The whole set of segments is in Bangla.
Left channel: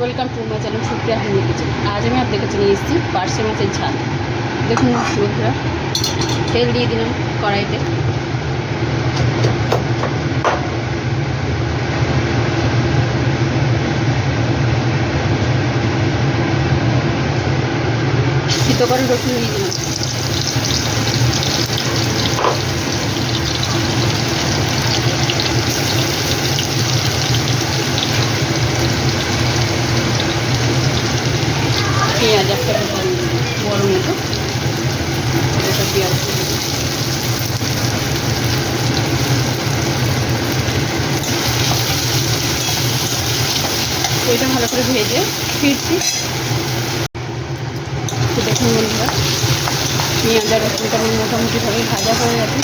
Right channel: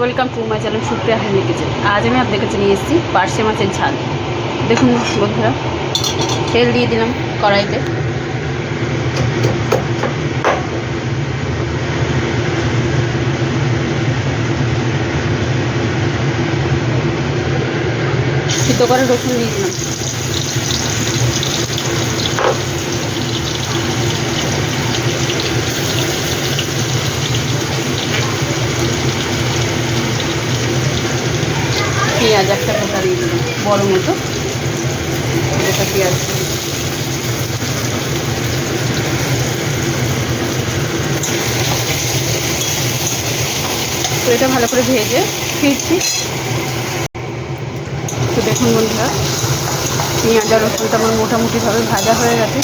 Welcome to my channel Supriya honey kitchen. আজ আমি আপনাদের কাছে নিয়ে এসেছি পার্শে মাছের ঝাল। দেখুন বন্ধুরা, তেল দিয়ে দিলাম কড়াইতে। সিদ্ধ করে রসুন দিয়ে দিলাম। পেঁয়াজ একটা গোটা দিয়ে দিলাম, বড় মতো গোটা পেঁয়াজ। তো এটা ভালো করে ভেজে ফিরছি। তো দেখুন বন্ধুরা, পেঁয়াজ আর রসুনটা আমার মোটামুটিভাবে ভাজা হয়ে গেছে।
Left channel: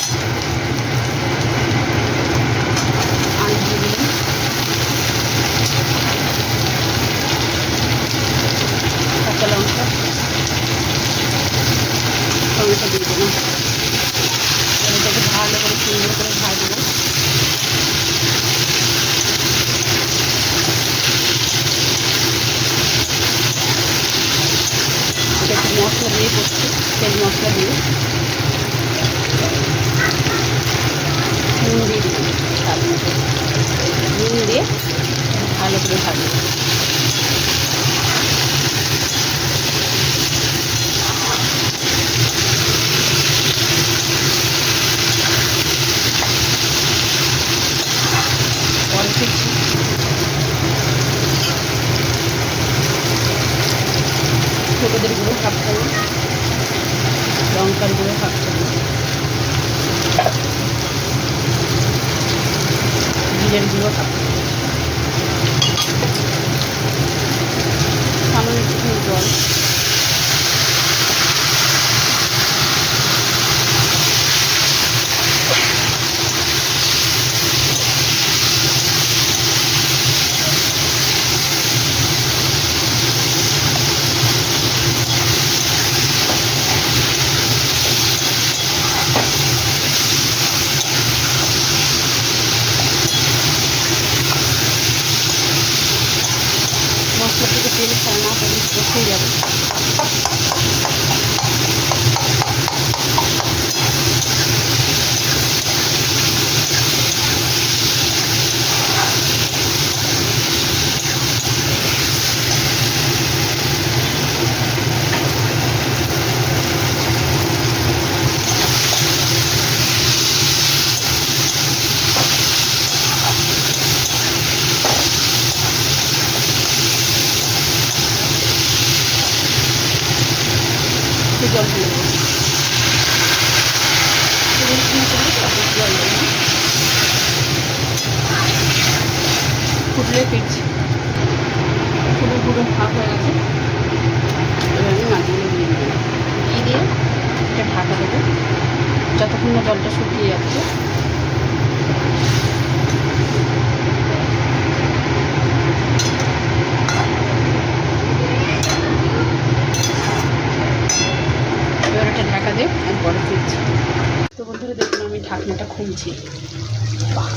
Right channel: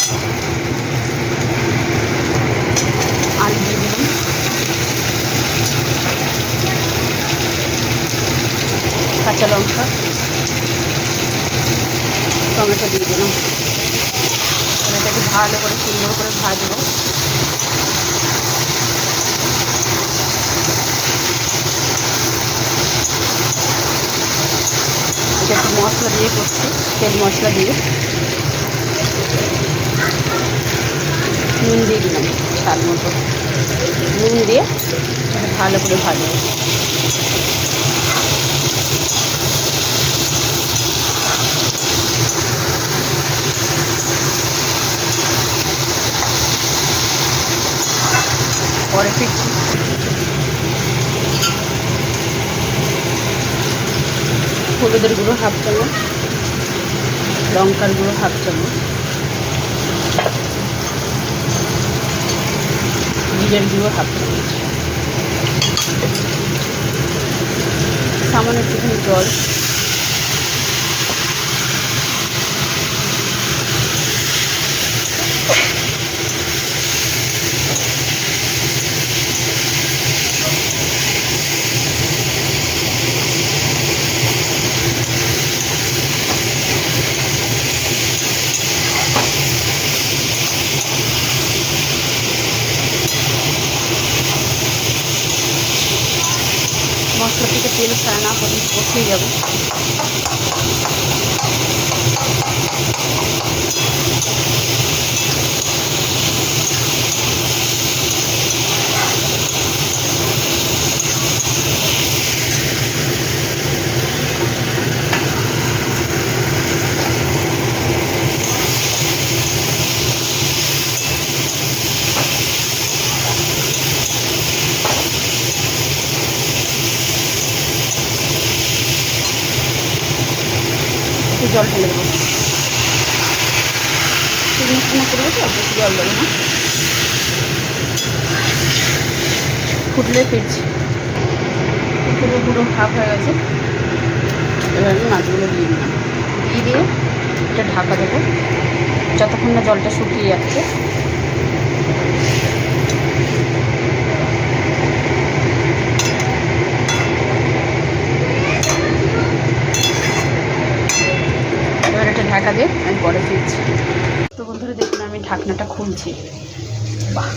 আলু দিয়ে দিলাম, কাঁচা লঙ্কা, টমেটো দিয়ে দিলাম। আর এটাকে ভালো করে সুন্দর করে ভাজবো। এটা একটু মশলা দিয়ে করছি, তেল মশলা দিয়ে। নুন দিয়ে দিলাম স্বাদ মতো, নুন দিয়ে ভালো করে ভাজবো। পরে ফিরছি। হলুদের গুঁড়ো হাফ চামচ, লঙ্কার গুঁড়ো হাফ চামচ, জিরের গুঁড়ো হাফ চামচ, সামান্য একটুখানি জল, মশলা থেকে তেল ছাড়া না পর্যন্ত কষিয়ে যাবো। একটু জল ঢেলে দেবো, জল দেবো না, ফুটলে ফিরছি। পুরো হাফ হয়ে গেছে। এবার আমি মাছগুলো দিয়ে দিলাম, দিয়ে এটা ঢাকা দেবো যতক্ষণ না জলটা শুকিয়ে যাচ্ছে। এবার এটা ঢাকা দিয়ে আমি পরে ফিরছি। তো বন্ধুরা দেখুন, আমি ঢাকনাটা খুলছি। বাহ,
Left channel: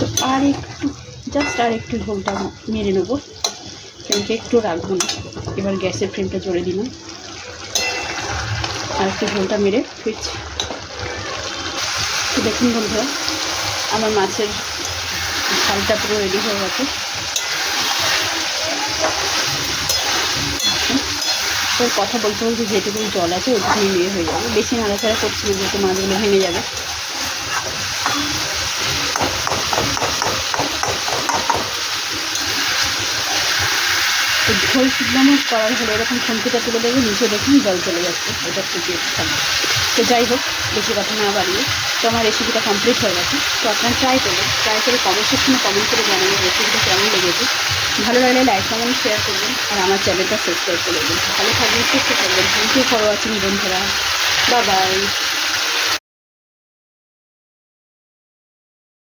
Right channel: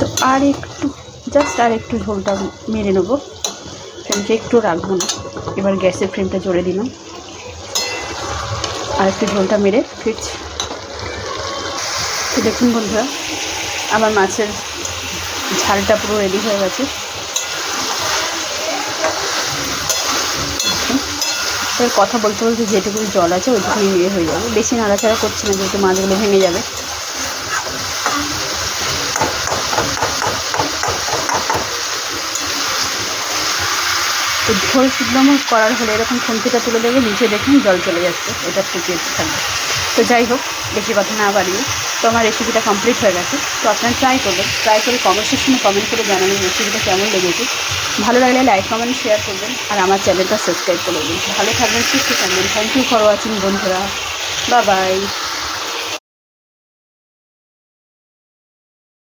তো আর একটু আর একটু ঝোলটা মেরে নেবো, ফ্লেমকে একটু রাখবো না। এবার গ্যাসের ফ্লেমটা জোরে দিলাম, আর একটু ঝোলটা মেরে ফিরছি। তো দেখুন বন্ধুরা, আমার মাছের ঝালটা পুরো রেডি হয়ে গেছে। এবার কথা বলতে বলতে যেটুকু জল আছে ওইটুকুনি নিয়ে হয়ে যাবে, বেশি নাড়াচাড়া করছি না যেহেতু মাছগুলো ভেঙে যাবে। তো ঝোল সিদ্ধ আমার করার হলে এরকম খুন্তিটা তুলে দেবে, নিচে দেখুন জল চলে যাচ্ছে, এটা শুকিয়ে থাকবে। তো যাই হোক, বেশি কথা না বাড়িয়ে, তো আমার রেসিপিটা কমপ্লিট হয়ে গেছে। তো আপনারা ট্রাই করবেন, ট্রাই করে কমেন্ট সেকশনে কমেন্ট করে জানাবেন রেসিপিটা কেমন লেগেছে। ভালো লাগলে লাইক কমেন্ট শেয়ার করবেন, আর আমার চ্যানেলটা সাবস্ক্রাইব করে দেবেন। ভালো থাকবেন, সুস্থ থাকবেন। থ্যাংক ইউ ফর ওয়াচিং বন্ধুরা, বাই বাই।